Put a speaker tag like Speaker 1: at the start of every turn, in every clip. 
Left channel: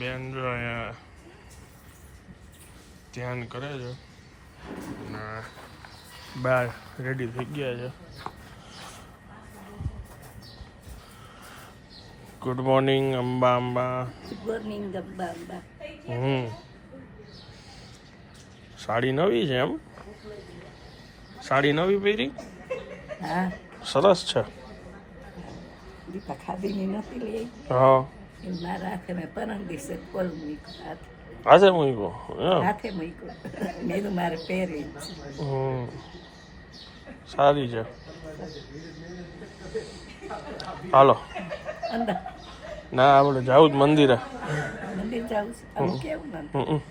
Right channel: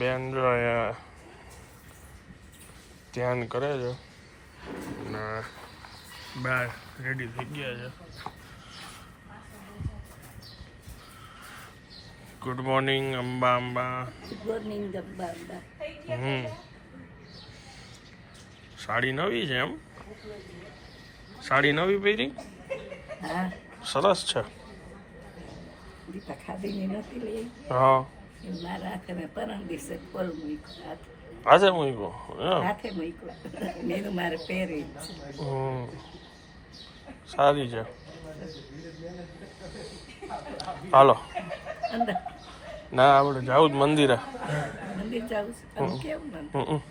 Speaker 1: બેન જો અહીંયા ધ્યાન કરે છે. અને બાર રેડી થઈ ગયા છે. Good morning Amba Amba.
Speaker 2: Morning Amba Amba.
Speaker 1: હમ. સાડી નવી છે એમ? સાડી નવી પહેરી? સરસ છે. હા.
Speaker 2: મારા હાથે મેં પરમ દિવસે મૂક્યું હાથે.
Speaker 1: આજે મૂક્યો?
Speaker 2: હાથે મૂક્યું. મેં મારે પહેરી
Speaker 1: સારી છે. હાલો. ના આપણે જાવું જ મંદિરે.
Speaker 2: મંદિર જાવું કેવું.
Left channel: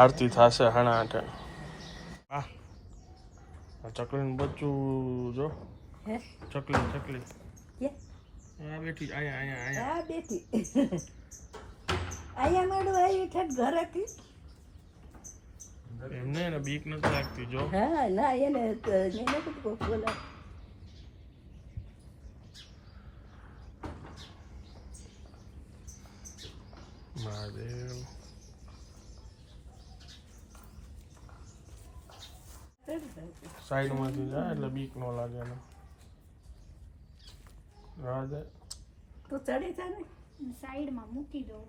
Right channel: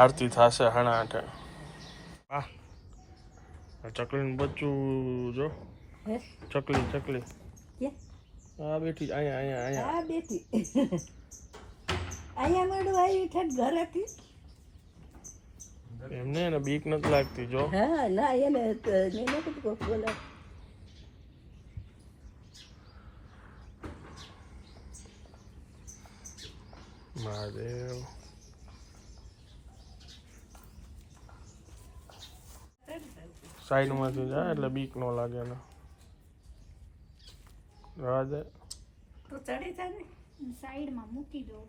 Speaker 1: આરતી થશે હણા આઠે હા ચકલીનું બચ્ચું જો.
Speaker 2: હે?
Speaker 1: ચકલી ચકલી. હા બેઠી અહીંયા અહીંયા અહીંયા.
Speaker 2: હા બેઠી. અહીંયા મળું આવી ઠેઠ ઘરેથી
Speaker 1: એમને એને બીક નથી લાગતી જો.
Speaker 2: હા ના એને નહીં નથી બોલા
Speaker 1: મહાદેવ. સાઈડમાંથી જાય એટલે બીક ન લાગે એને. રાધે
Speaker 2: તું ચડી જા ને?
Speaker 3: સાઈડમાં મૂકી દો.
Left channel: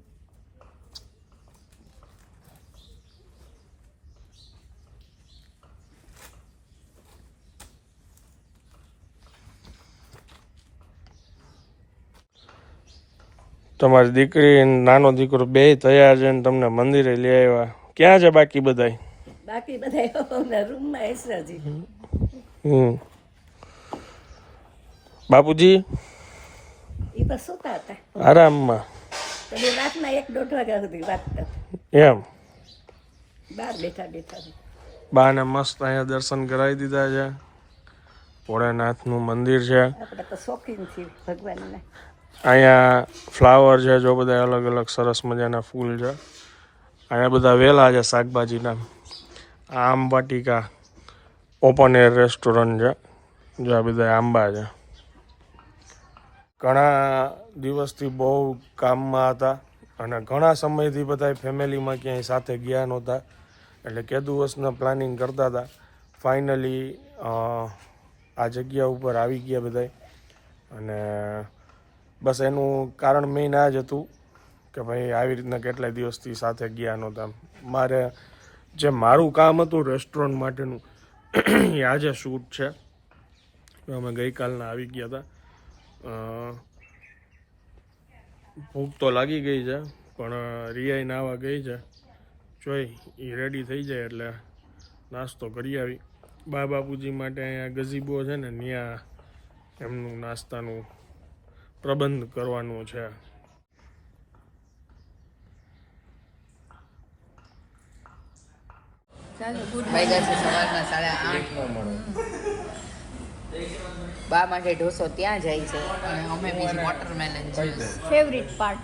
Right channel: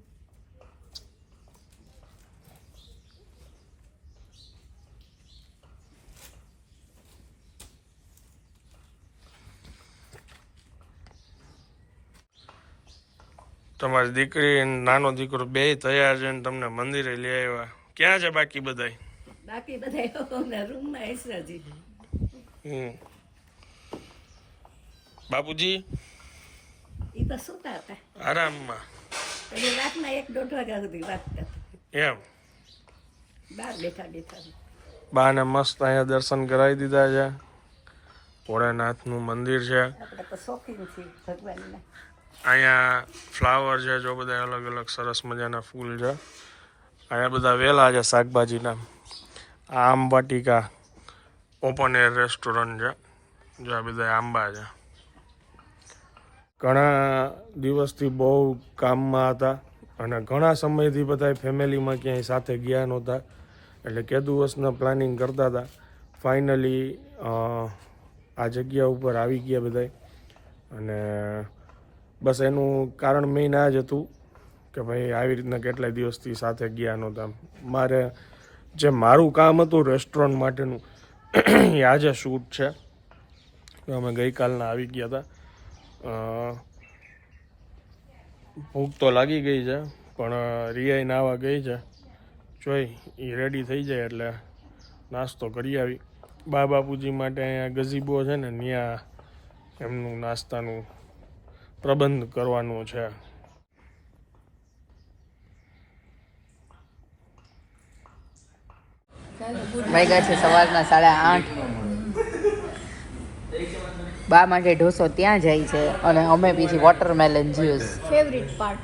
Speaker 1: તમારી દીકરી નાનો દીકરો બે તૈયાર છે ને તમને મંદિરે લઈ આવ્યા. ક્યાં છે બાકી બધાય?
Speaker 2: બાકી બધા રૂમમાં
Speaker 1: હમ. બાપુજી?
Speaker 2: એ તો સુતા હતા.
Speaker 1: આરામમાં.
Speaker 2: પછી રાતના એક દોઢ વાગ્યા સુધી વાંચતા હતા
Speaker 1: એમ.
Speaker 2: બહાર બેઠા બેઠા.
Speaker 1: બાને મસ્ત અહીંયા દર્શન કરાવી દીધા છે. ભોળાનાથનું મંદિર છે.
Speaker 2: આપણે તો શોખીન છીએ ભગવાનના.
Speaker 1: અહીંયા ફ્લાવર છે જો બધા અલગ અલગ સરસ મજાના ફૂલ છે. અહીંયા બધા વેલા છે શાકભાજીના. આમ વાટિકા ઓપન એર રેસ્ટોરન્ટ છે. જો આ બધા આંબા છે. ઘણા દિવસથી બહુ કામમાં હતા અને ઘણા સમયથી બધા ફેમિલીમાં ક્યાંય સાથે ગયા નહોતા. એટલે કે પ્લાનિંગ કરતા હતા. ફાઇનલી આ જગ્યા ઉપર આવી ગયા બધા અને બસ એનું કારણ મેઇન આ જ હતું કે ભાઈ આવી રીતના કેટલાય દિવસથી સાથે ગયા નહોતા. મારે જે મારું કામ હતું રેસ્ટોરન્ટ માટેનું, એ આજે શૂટ છે. અમે ગઈકાલના આવી ગયા હતા. ભૂખ તો લાગી ગઈ છે પણ રિયાઈ નાવા ગઈ છે. જોઈ એ રેડી થઈ જાય એટલે નાસ્તો કરી આવી. બા બાપુજી માટે અહીંયા ગઝીબો છે ને ત્યાં એમનું નાસ્તાનું પ્રબંધ કરવાનો છે
Speaker 4: સવારના સાડા આઠ. બા માટે ઢોસો ત્યાં જાય છે અને અમે બીજી વોટરમેલન જ્યુસ
Speaker 3: ફેવરિટ પાર્ટ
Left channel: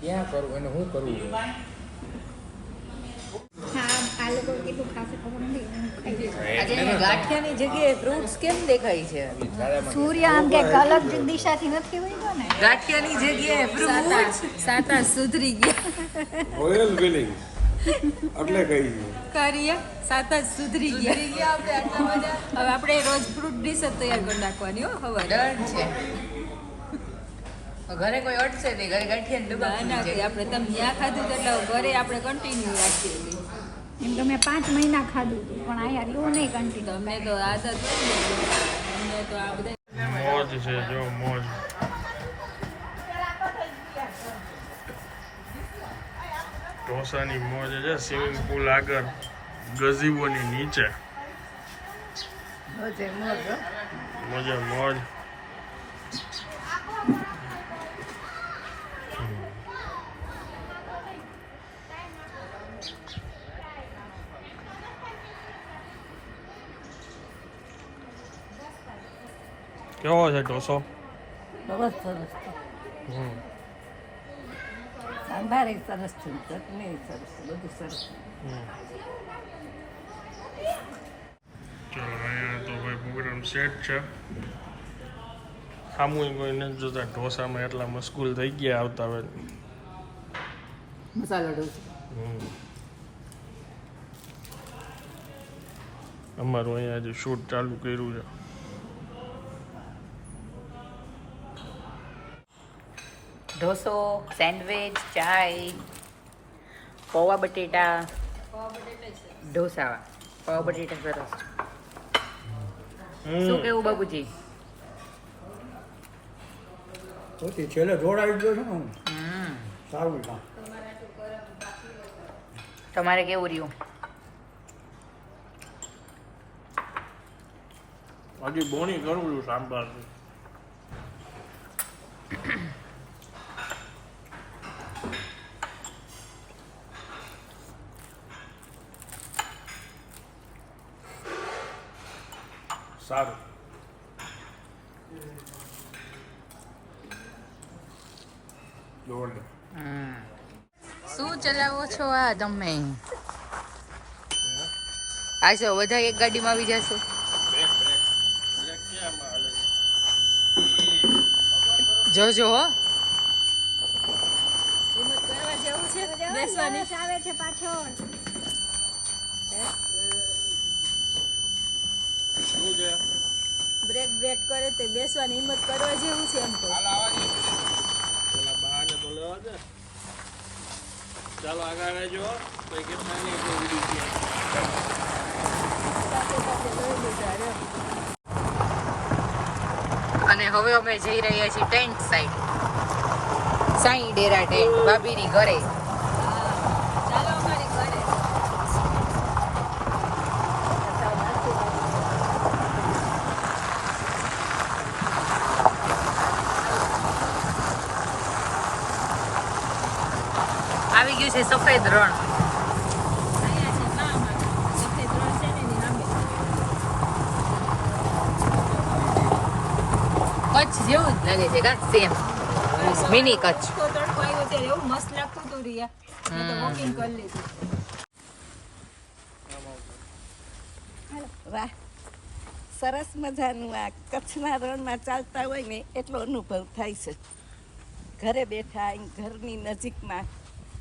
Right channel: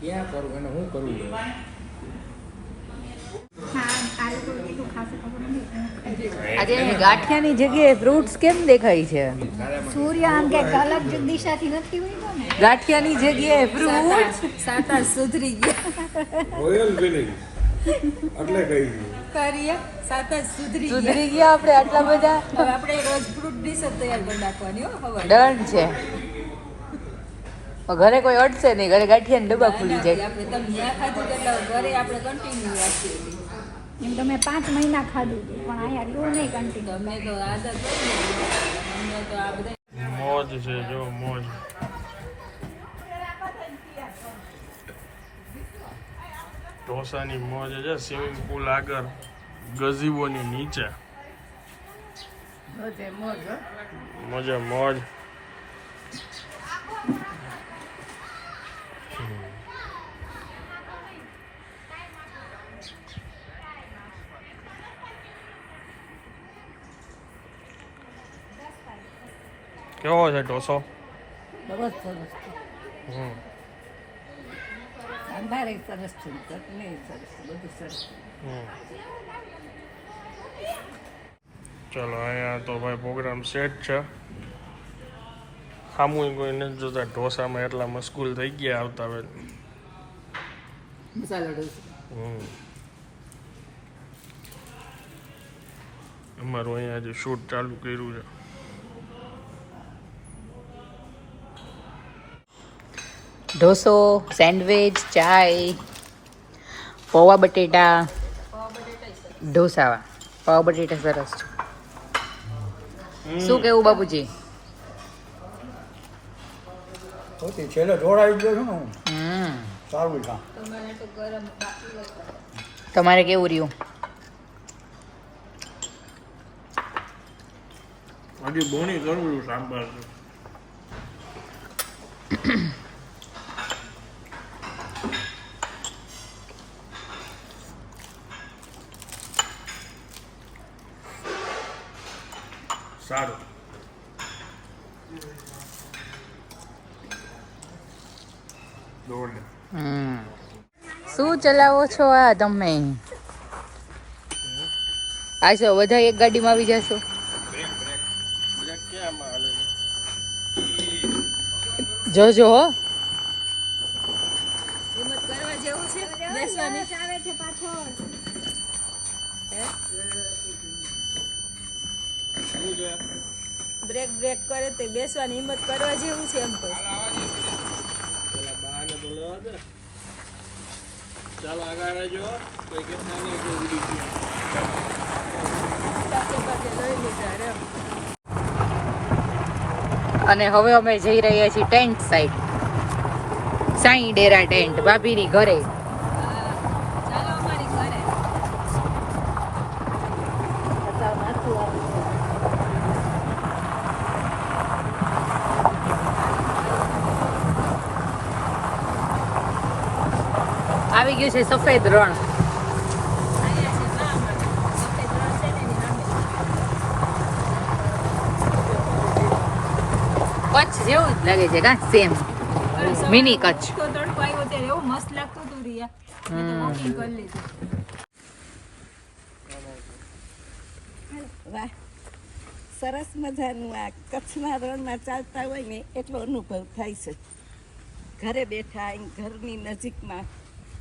Speaker 1: ક્યાં કરું અને હું કરવું
Speaker 4: આજે એને ગાંઠિયાની જગ્યાએ ફ્રૂટ્સ કેમ દેખાય છે?
Speaker 3: સૂર્ય આમ કે અલગ દિશાથી નથી ને?
Speaker 4: ગાંઠિયાની જગ્યાએ ફ્રૂટ્સ સાતા સુધરી ગયા.
Speaker 1: રોયલ એટલે કહી ગયું.
Speaker 5: કરીએ સાત જ સુધરી ગયા.
Speaker 4: સુધરી ગયા આપણે આટલા બધા.
Speaker 5: હવે આપણે રોજ ફ્રૂટ ડીશ જ તૈયાર કરી નાખવાની હો હવે
Speaker 4: ડન છે. ઘરે કોઈ અડશે નહીં ઘરે ગાંઠિયાની ડબ્બા ખુલી જાય.
Speaker 5: આપણે તમે ત્યાં ખાધું એટલે ઘરે આપણે કન્ટિન્યુ રાખીએ છીએ.
Speaker 3: એમ તો મેં પાંચ મહિના ખાધું હતું પણ અહીંયા એટલું નહીં કન્ટિન્યુ
Speaker 5: તમને તો આદત અમને તો આ બધા
Speaker 1: મોજ છે જો મોજ. ઢોસાની મોજ છે સ્વિમિંગ પુલ આગળ. ગઝીબોની નીચે.
Speaker 2: મોજે મોજ
Speaker 1: કેવો છે ઢોસો?
Speaker 2: બહુ સરસ છે.
Speaker 1: હમ.
Speaker 2: સાંભાર સરસ છે ચટણી સરસ બધું સરસ
Speaker 1: હમ. ચલો અહીંયા તો ભાઈ પ્રોગ્રામ સેટ છે. સામું કોઈ નથી જોતા ઢોસામાં એટલા મશગુલ થઈ ગયા આવતા હોય.
Speaker 4: મસાલો ઢોસા.
Speaker 1: હમ. અમારું અહીંયા જે શૂટ ચાલુ કર્યું છે.
Speaker 4: ઢોસો સેન્ડવિચ ચાય પૌવા બટેટા. ઢોસાવા પૌવા બટેટા સરસ છે. શું કેવું બાપુજી?
Speaker 6: હોતી છેલ્લે જોડાઈ ગયો છું હું.
Speaker 4: હમ.
Speaker 6: સારું છે.
Speaker 4: તમારે કેવું રહ્યું?
Speaker 1: હજી બોણી કરું છું સાંભાર સારું દોડ
Speaker 4: હમ શું ચલાવો છો આ તમે? આશો બધા એક ગાડીમાં આવી જશો? જોજો હો.
Speaker 5: બેસવાની.
Speaker 3: આવે છે પાછળ
Speaker 1: શું છે
Speaker 5: બ્રેક બ્રેક કરે તે બેસવાની હિંમત કરવા જેવું છે એમ તો.
Speaker 1: પેલા બહાને તો લેવા દે ચાલો આગળ રહેજો.
Speaker 4: અને હવે અમે જઈ રહ્યા છીએ ટેન્ટ સાઈડ સાઈ ડેરા ટેન્ટ ભાભીની ઘરે
Speaker 5: ચાલો અમારી ઘરે
Speaker 4: આવી ગયું છે સફેદ રણ
Speaker 5: અહીંયા છે ગામ સફેદ રણ છે ને એની સામે.
Speaker 4: કચ્છ જેવું જ લાગે છે કા? Same mini Kutch.
Speaker 5: તો તડકો આવ્યો ત્યારે એવું મસ્ત લાગતું હતું રિયા. વોકિંગ કરી લીધું.
Speaker 2: વાહ. સરસ મજાનું આ કચ્છના રણમાં ચાલતા હોય ને એટલો અનુભવ થાય છે. ઘરે બેઠા ઘરની નજીકમાં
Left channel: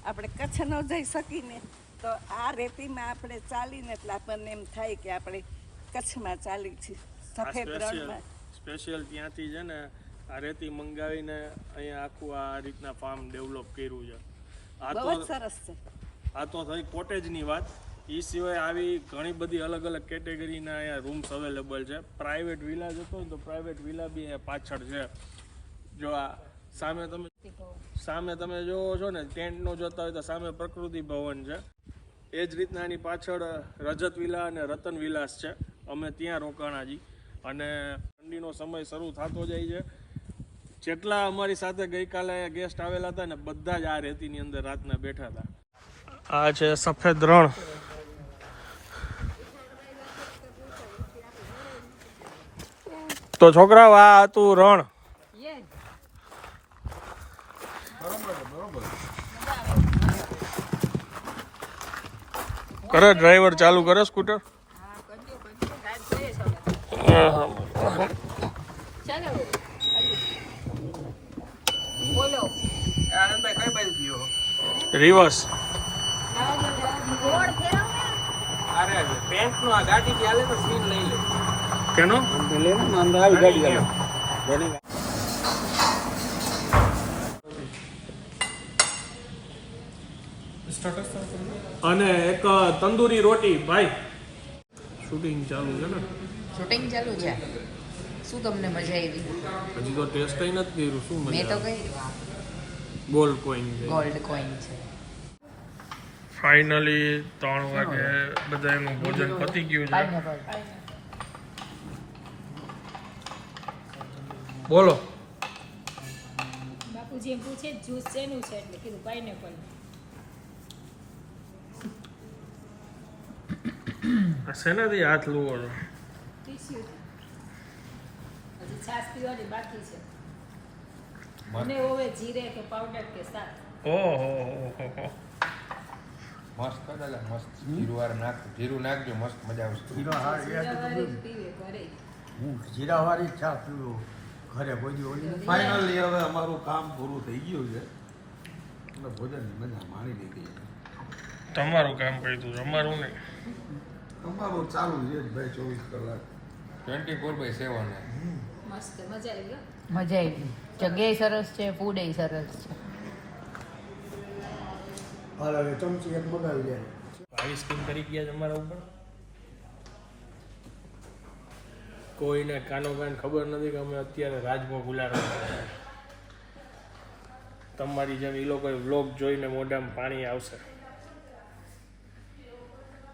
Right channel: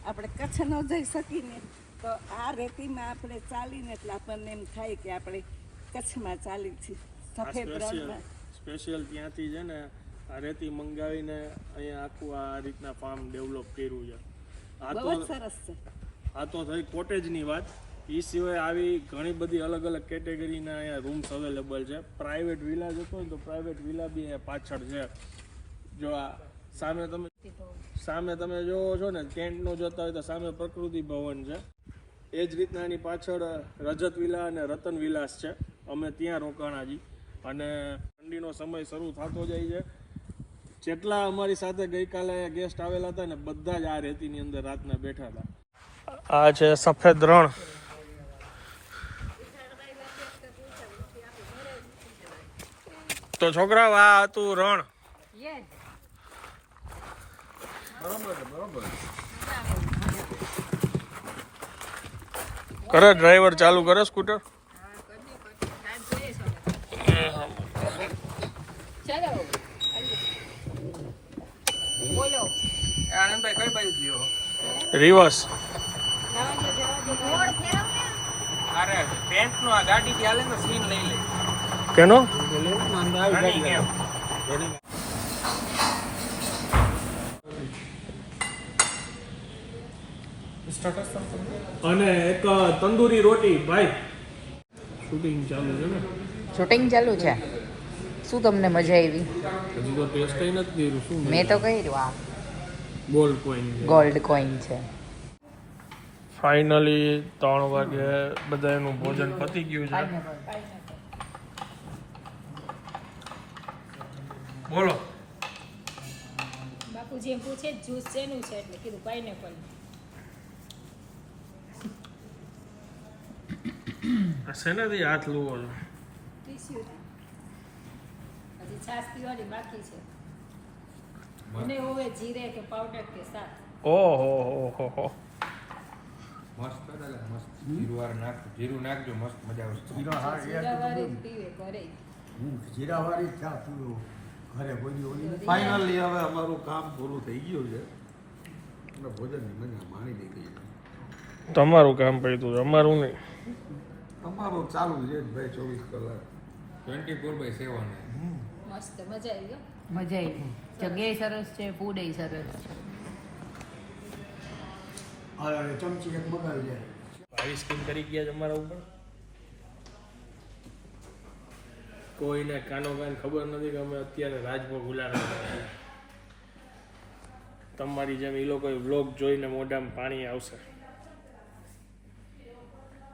Speaker 2: આપણે કચ્છ ન જઈ શકીને તો આ રેતીમાં આપણે ચાલીને એટલે આપણને એમ થાય કે આપણે કચ્છમાં ચાલી છીએ સફેદ રણમાં.
Speaker 1: સ્પેશિયલ ત્યાંથી છે ને આ રેતી મંગાવીને અહીંયા આખું આ રીતના ફાર્મ ડેવલપ કર્યું છે. આ તો
Speaker 2: સરસ છે.
Speaker 1: આ તો થઈ કોટેજની વાત. એ સિવાય આવી ઘણી બધી અલગ અલગ કેટેગરીના અહીંયા રૂમ્સ અવેલેબલ છે. પ્રાઇવેટ વિલા જતો હોય તો પ્રાઇવેટ વિલા બી અહીંયા પાછળ છે. જો આ સામે તમે સામે તમે જોવો છો ને, ટેન્ટનો જોતા હોય તો સામે પ્રકૃતિ ભવન છે. એ જ રીતના એની પાછળ રજત વિલા અને રતન વિલાસ છે. અમે ત્યાં રોકાણાજી. અને ઠંડીનો સમય શરૂ થતો જાય છે. જેટલા અમારી સાથે ગઈકાલે ગેસ્ટ આવેલા હતા ને, બધા જ આ રેતીની અંદર રાતના બેઠા હતા. આ છે સફેદ રણ. તો છોકરાઓ, આ હતું રણ. કરે ડ્રાઈવર ચાલુ કરે સ્કૂટર?
Speaker 5: ચાલો બોલો
Speaker 1: રિવર્સ કેનો અને એક તંદૂરી રોટી. ભાઈ શૂટિંગ ચાલુ છે ને?
Speaker 4: શૂટિંગ ચાલુ છે. શું તમને મજા આવી?
Speaker 1: હજી તો ટેસ્ટ નથી કર્યું. શું
Speaker 4: મેં તો કર્યું આ.
Speaker 1: ગોલ્ડ કોઈન
Speaker 4: ગોલ્ડ કોઈન છે.
Speaker 1: ફાઇનલી ત્રણ વાગે બધા એનું ભોજન પતી ગયું છે. બોલો.
Speaker 5: બાપુજી એમ પૂછે જ્યુસ શેનું છે? એટલે કીધું પાઇનેપલ
Speaker 1: આ શેનાથી હાથ લુવો છો?
Speaker 5: હજી છાશ પીવાની બાકી છે. મને હોવે જીરે કે પાવડર કે શાક.
Speaker 1: ઓહો હો હો
Speaker 7: મસ્ત દાદા મસ્ત જીરું વાર નાખ જીરું નાખજો મસ્ત મજા આવશે.
Speaker 6: જીરો હા એ
Speaker 5: પીવે ઘરે.
Speaker 6: હું જીરાવાળી ચા પીવું. ઘરે ઓલી.
Speaker 8: ફાઇનલી હવે અમારું કામ પૂરું થઈ ગયું છે. અને ભોજનની મજા માણી લીધી
Speaker 1: તમારું કામ પડ્યું અમારું નહીં.
Speaker 8: અમારું ચાલુ છે ભાઈ ચોવીસ કલાક.
Speaker 7: ટ્વેન્ટી ફોર બાય સેવન
Speaker 5: મસ્ત મજા આવી ગયો
Speaker 4: મજા આવી જગ્યાએ સરસ છે ફૂડ એ સરસ છે.
Speaker 6: હવે ચમચી એક મગાવી જાય.
Speaker 1: આઈસ્ક્રીમ કરી ગયા તમારા ઉપર. કોઈને કાનો કાન ખબર નથી કે અમે અત્યારે રાજભોગ ઉલાડવા તમારી જેમ એ લોકો વ્લોગ જોઈને મોઢામાં પાણી આવશે.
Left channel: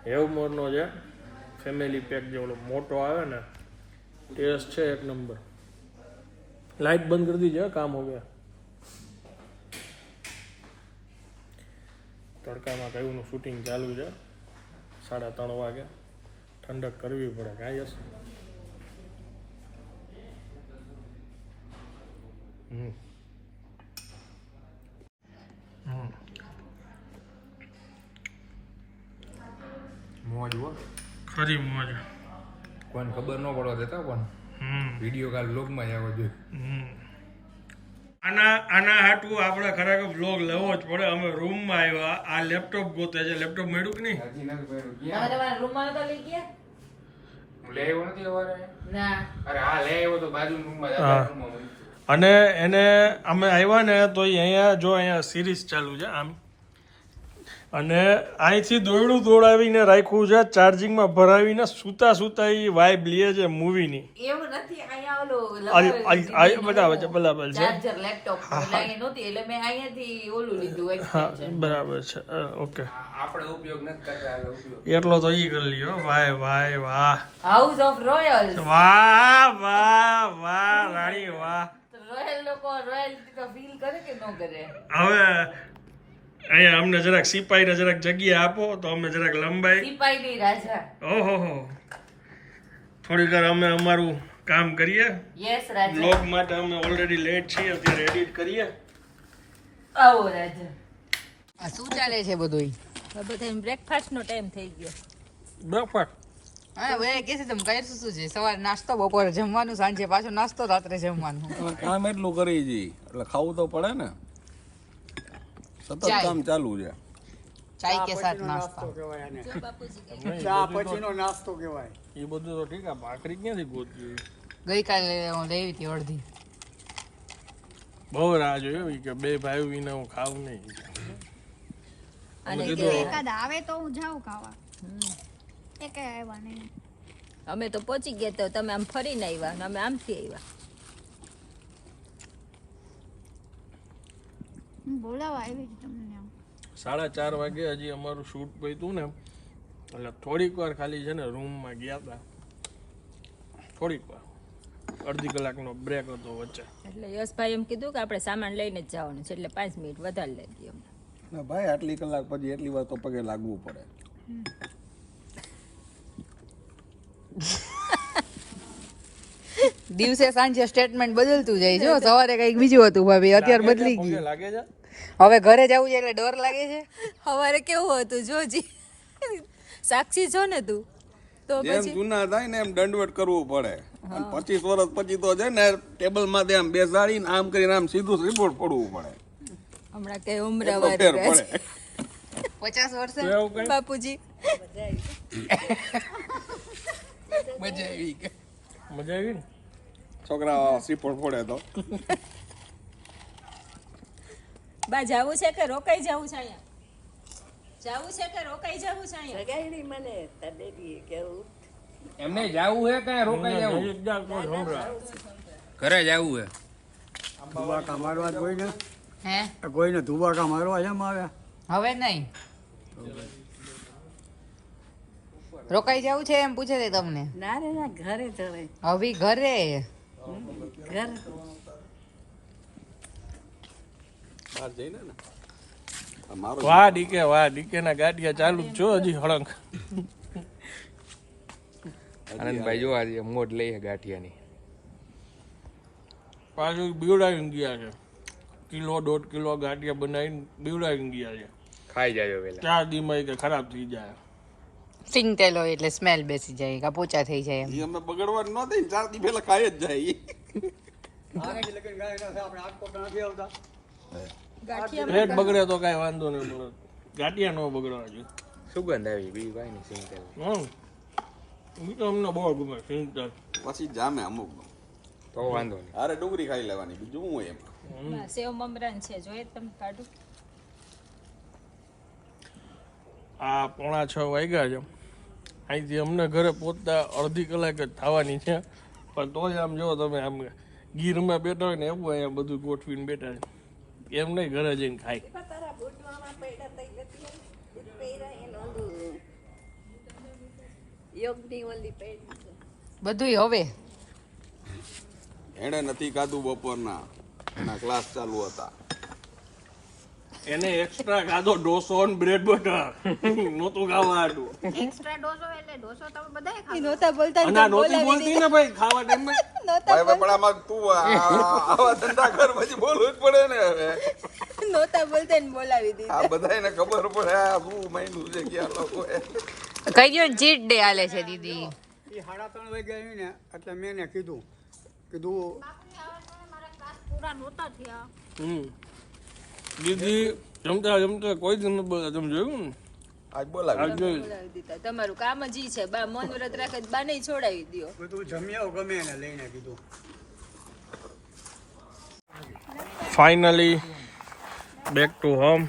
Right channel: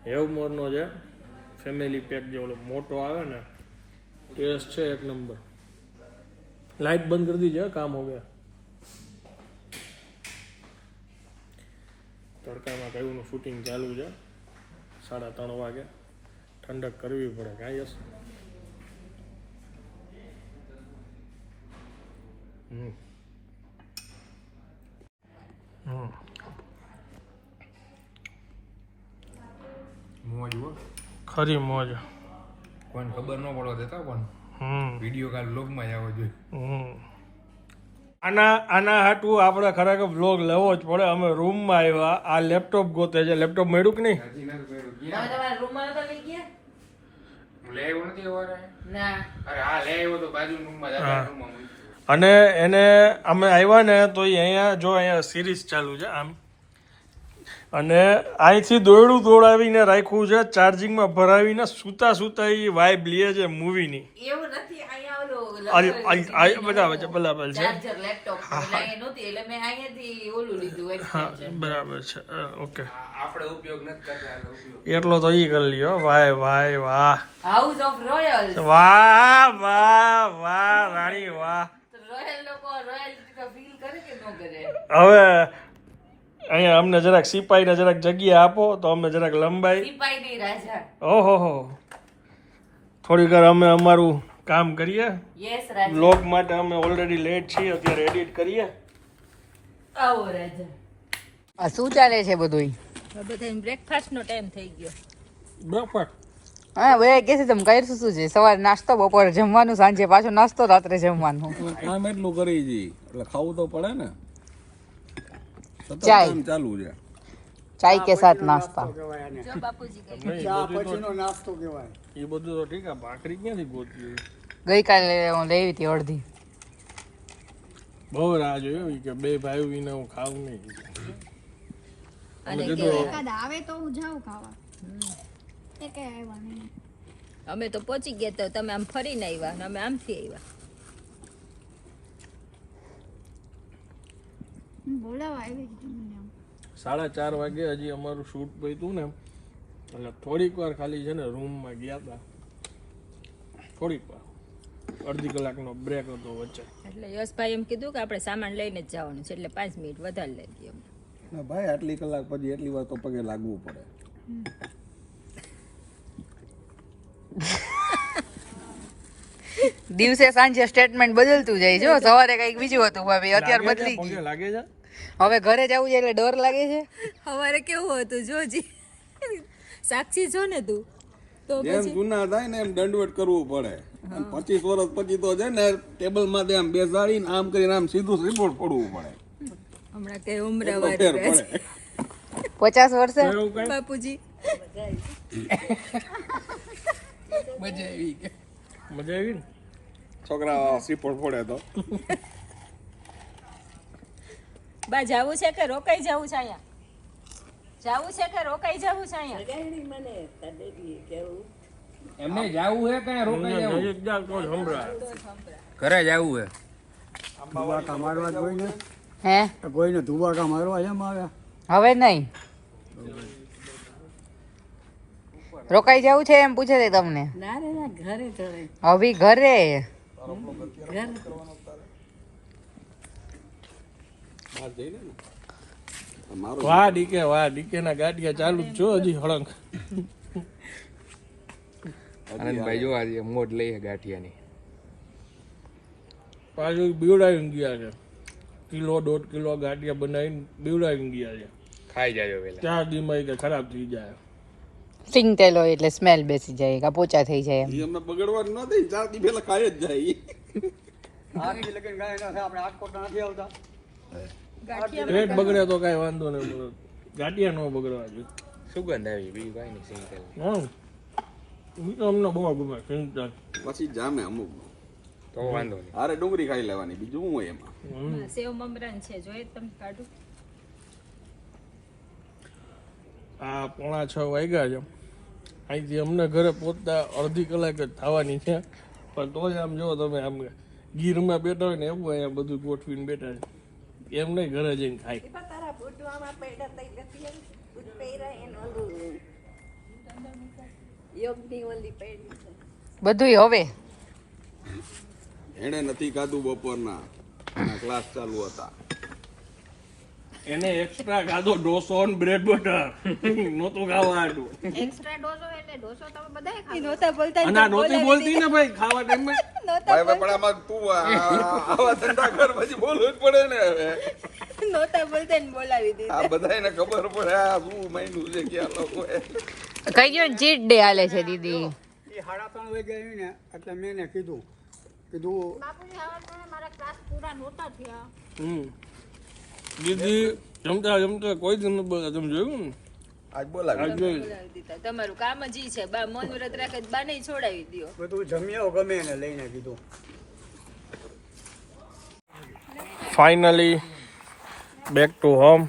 Speaker 1: હેવમોરનો છે ફેમિલી પેક જે ઓલો મોટો આવે ને ટેસ્ટ છે એક નંબર લાઇટ બંધ કરી દીજે કામ હો ગયા તડકામાં કયુંનું શૂટિંગ ચાલુ છે. સાડા ત્રણ વાગે. ઠંડક કરવી પડે કાંઈ યસ હમ. હમ.
Speaker 7: મોજ હો.
Speaker 1: ખરી મોજ.
Speaker 7: કોઈને ખબર ન પડવા દેતા પણ વીડિયો કાલ બ્લોગમાં જ આવવો જોઈએ.
Speaker 1: આના આના હાટું આપણે ખરેખર બ્લોગ લેવો જ પડે. અમે રૂમમાં આવ્યા. આ લેપટોપ ગોતે છે. લેપટોપ મળ્યું કે નહીં?
Speaker 4: રૂમમાં નતા લઈ ગયા.
Speaker 1: અને એને અમે આવ્યા ને તો અહીંયા જો અહીંયા સિરીઝ ચાલુ છે આમ અને અહીંથી દોયડું દોડાવીને રાખ્યું છે ચાર્જિંગમાં ભરાવીને સૂતા સૂતા એ વાઇબ લે છે મૂવીની
Speaker 4: એવું નથી અહીંયા
Speaker 1: બરાબર છે બરાબર છે.
Speaker 4: લેપટોપ એટલે અહીંયા નહોતી એટલે મેં અહીંયાથી ઓલું લીધું
Speaker 1: હા બરાબર છે ઓકે.
Speaker 7: આપણે ઉપયોગ નથી કરતા
Speaker 1: એટલો તો ઈ કરી લ્યો વાય વાય વાહ.
Speaker 4: હાઉસ ઓફ રોયલ
Speaker 1: વાહ વાહ વાહ રાણી વાહ.
Speaker 4: રોયલ લોકો રોયલ ફીલ કરે કે ન કરે?
Speaker 1: હવે અહીંયા અમને જરાક સિપાહીને જરાક જગ્યા આપો તો અમે જરાક લંબાઈ.
Speaker 4: સિપાઈ રાજા.
Speaker 1: ઓહો હો. થોડીક વાર અમે અમારું કામ કરીએ.
Speaker 4: યસ રાજા.
Speaker 1: બ્લોગ માટે અમે ઓલરેડી લેટ છીએ અત્યારે એડિટ કરીએ.
Speaker 4: આવો રાજા. આ શું ચાલે છે બધું
Speaker 5: બધા બ્રેકફાસ્ટનો ટાઈમ થઈ ગયો.
Speaker 1: બ્રેકફાસ્ટ
Speaker 4: હા બધા કે છે તમે કરશું શું છે? સવારે નાસ્તો બપોરે જમવાનું સાંજે પાછો નાસ્તો રાત્રે જમવાનું.
Speaker 8: કામ એટલું કરી જી એટલે ખાવું તો પડે ને. સતત
Speaker 4: ચાય.
Speaker 8: કામ ચાલુ છે.
Speaker 4: ચાય કે સાથ નાસ્તા?
Speaker 6: ચા પછીનો નાસ્તો કહેવાય.
Speaker 1: એ બધું તો ઠીક આ ભાખરી ક્યાંથી ગોતી
Speaker 4: ગઈકાલે હું લેવી હતી અડધી.
Speaker 1: બહુ રાહ જોયો કે બે ભાઈ વિના હું ખાવું નહીં. અમે કીધું
Speaker 3: એકાદ આવે તો હું જાઉં ખાવા. એ આવ્યા નહીં.
Speaker 5: અમે તો પહોંચી ગયા તો તમે આમ ફરીને આવ્યા અને અમે આમથી આવ્યા.
Speaker 3: બોલાવા આવી હતી તમને
Speaker 1: સાડા ચાર વાગે હજી અમારું શૂટ પૈતું ને એટલે થોડીક વાર ખાલી છે ને રૂમમાં ગયા હતા થોડીક વાર. અડધી કલાકનો બ્રેક હતો વચ્ચે.
Speaker 5: એટલે યશભાઈ એમ કીધું કે આપણે સામાન લઈને જ જવાનું છે એટલે પાંચ મિનિટ વધારે લઈ દઈએ
Speaker 8: ના ભાઈ આટલી કલાક પછી એટલી વાર તો પગે લાગવું પડે.
Speaker 4: દિવસે સાંજે સ્ટેટમેન્ટ બદલતું જાય જો સવારે કંઈક બીજું હતું ભાભી અત્યારે બદલી ગયું.
Speaker 1: લાગે છે?
Speaker 4: હવે ઘરે જવું છે એટલે ડર લાગે છે?
Speaker 5: અમારે કેવું હતું? જોજી સાક્ષી છો ને તું? તો
Speaker 8: જેમ જૂના થાય ને એમ દંડવટ કરવું પડે. પચીસ વર્ષ પછી તો છે ને ટેબલમાં આમ બેસાડીને આમ કરીને આમ સીધું રિપોર્ટ પડવું પડે.
Speaker 5: હમણાં કે
Speaker 8: એટલો
Speaker 5: ઉમરાવાર
Speaker 8: પડે.
Speaker 4: પચાસ વર્ષે?
Speaker 1: કઈ?
Speaker 5: બાપુજી.
Speaker 7: મજા આવી
Speaker 1: મજા આવી ને
Speaker 8: છોકરા રિપોર્ટ પડે તો.
Speaker 5: બા જાવું છે કે રોકાઈ જવું છે અહીંયા? જાવું છે કે રોકાઈ જવું છે અહીંયા?
Speaker 2: જગાડી મને તડેરી કેવું
Speaker 7: એમને જાવું હે કે રોકાઈ જવું. ઘરે જવું હે?
Speaker 6: ધુબાકા મારવા જ કોઈને
Speaker 4: હે?
Speaker 6: કોઈને ધુબાકા મારવા જેમ આવ્યા
Speaker 4: હવે નહીં. રોકાઈ જવું છે એમ પૂછે છે તમને?
Speaker 2: ના રે ના ઘરે ચડે.
Speaker 4: હવે ઘરે.
Speaker 2: ઘર
Speaker 8: બહાર જઈને ને અમારું
Speaker 1: વાહ ડીકે વાહ ડીકે ના ગાડિયા ચાલુ જ છો હજી હળંગ.
Speaker 7: આનંદભાઈ જો આજે મોઢ લઈ છે ગાંઠિયાની.
Speaker 1: પાછું બીવડાવી ગયા છે. કિલો દોઢ કિલો ગાંઠિયા બનાવીને બીવડાવી ગયા છે.
Speaker 7: ખાઈ જાય પેલા
Speaker 1: ચાર દીમાં કે ખરાબ થઈ જાય.
Speaker 4: સિંગ તેલ હોય એટલે સ્મેલ બેસી જાય કા પોચા થઈ જાય એમ.
Speaker 8: અમે બગડવા ન દે ચાર દી પેલા ખાઈ જ જાય
Speaker 6: આઠથી લગન ગાય ના થાય આપણે આટકોટ નથી આવતા.
Speaker 1: પેટ બગડે. તો કાંઈ વાંધો નહીં મળે ગાંઠિયા ન બગડવા જોઈએ.
Speaker 7: સુગંધ આવી બીજું કાંઈ નહીં સિંગલ
Speaker 1: હમ. તો અમને બહુ ગમે સિંગતેલ
Speaker 8: પછી જામે અમુક.
Speaker 7: તો વાંધો નહીં.
Speaker 8: અરે ડુંગળી ખાઈ લેવાની બીજું શું હોય એમાં
Speaker 5: સેવ મમરાન છે જોઈએ તમે કાઢું.
Speaker 1: આ પોણા છ વાગ્યા છે. અહીંથી અમને ઘરે પહોંચતા અડધી કલાક જ થવાની છે. પણ તોય આમ જો તમે આમ ગીરમાં બેઠા હોય ને એવું અહીંયા બધું ગોઠવીને બેઠા છે. એમ નહીં ઘરે જઈને ખાય.
Speaker 2: બધું એને
Speaker 4: હવે.
Speaker 8: એણે નથી ખાધું બપોરના. એના ક્લાસ ચાલુ હતા.
Speaker 1: એને એક્સ્ટ્રા ખાધો ડોસો અને બ્રેડ બટર નહોતું ખાવા હતું
Speaker 3: એક્સ્ટ્રા ડોસો
Speaker 1: નહોતી બોલતી ને ભાઈ ખાવા ટાઈમમાં
Speaker 8: ભાઈ ભાઈ પણ આમાં તું આવા ધંધા કર પછી બોલવું જ પડે ને હવે.
Speaker 2: નહોતા બોલતા ને બોલાવી દીધી.
Speaker 8: આ બધાને ખબર પડે આ શું મહિનું છે લોકો
Speaker 4: કઈ ગયો ચીટ ડે હાલે છે દીદી?
Speaker 6: એ સાડા ત્રણ વાગ્યા આવી ને એટલે મેં એને કીધું કીધું
Speaker 3: મારા ક્લાસ પૂરા નહોતા થયા.
Speaker 1: હમ. દીદી જમતા જમતા કોઈ જ ન બોલતા તમે જોયું ને?
Speaker 8: આજ બોલાવી
Speaker 1: આજ
Speaker 5: બોલાવી દીધા. તમારું કામ જ ઈ છે. બા મન વ્રત રાખે બા નહીં છોડાવી દ્યો.
Speaker 6: તો જમ્યો ગમે એને લઈને કીધું
Speaker 1: ફાઇનલી બેક ટુ હોમ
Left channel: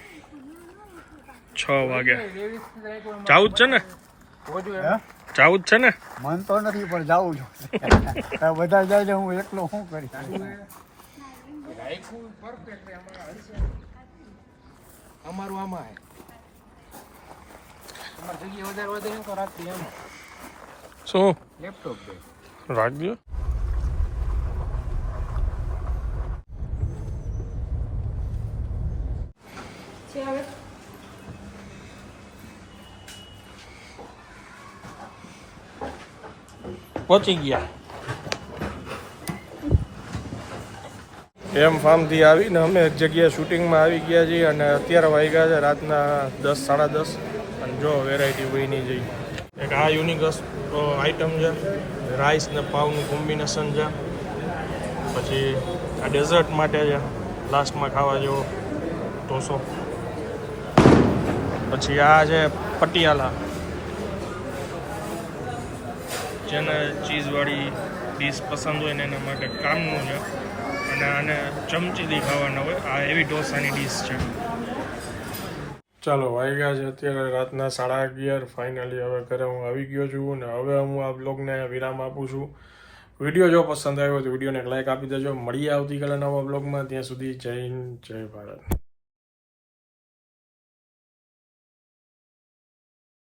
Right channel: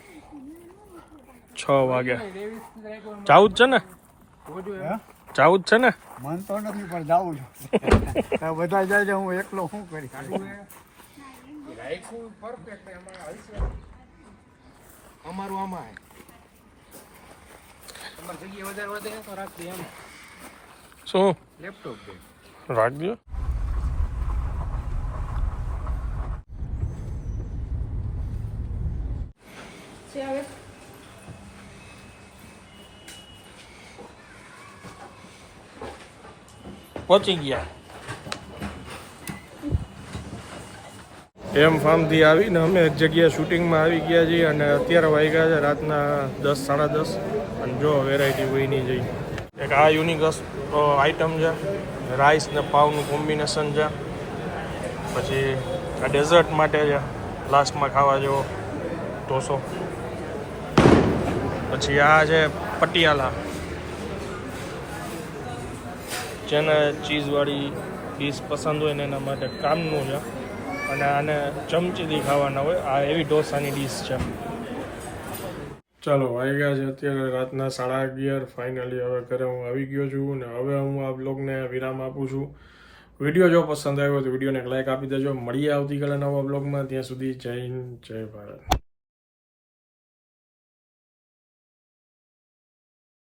Speaker 1: છ વાગે. જાવું જ છે ને? જાવું જ છે ને?
Speaker 6: મન તો નથી પણ જાઉં છું. બધા જાય છે હું એકલો શું કરી
Speaker 7: અમારું આમાં જગ્યા વધારે વધે ને તો રાખી એમ
Speaker 1: શું?
Speaker 7: લેપટોપ
Speaker 1: રાખજો પહોંચી ગયા. એમ ફાર્મથી આવીને અમે એક જગ્યાએ શૂટિંગમાં આવી ગયા છીએ અને અત્યારે વાગ્યા છે રાતના દસ સાડા દસ. અને જો વેરાયટી વહીની જઈ. એક આ યુનિક આઈટમ છે. રાઈસ ને પાવનું કોમ્બિનેશન છે. પછી આ ડેઝર્ટ માટે છે. લાસ્ટમાં ખાવા જેવો ઢોસો. પછી આ છે પટિયાલા. જેને ચીઝવાળી ડીશ પસંદ હોય ને એના માટે કામનું છે. અને આને ચમચીથી ખાવાના હોય. આ એવી ઢોસાની ડીશ છે. ચાલો વાગ્યા છે અત્યારે રાતના સાડા અગિયાર. ફાઇનલી હવે ઘરે હું આવી ગયો છું ને હવે હું આ બ્લોગને વિરામ આપું છું. વીડિયો જો પસંદ આવ્યો તો વિડીયોને એક લાઈક આપી દેજો. મળીએ આવતીકાલે નવા બ્લોગમાં ત્યાં સુધી જય હિન્દ, જય ભારત.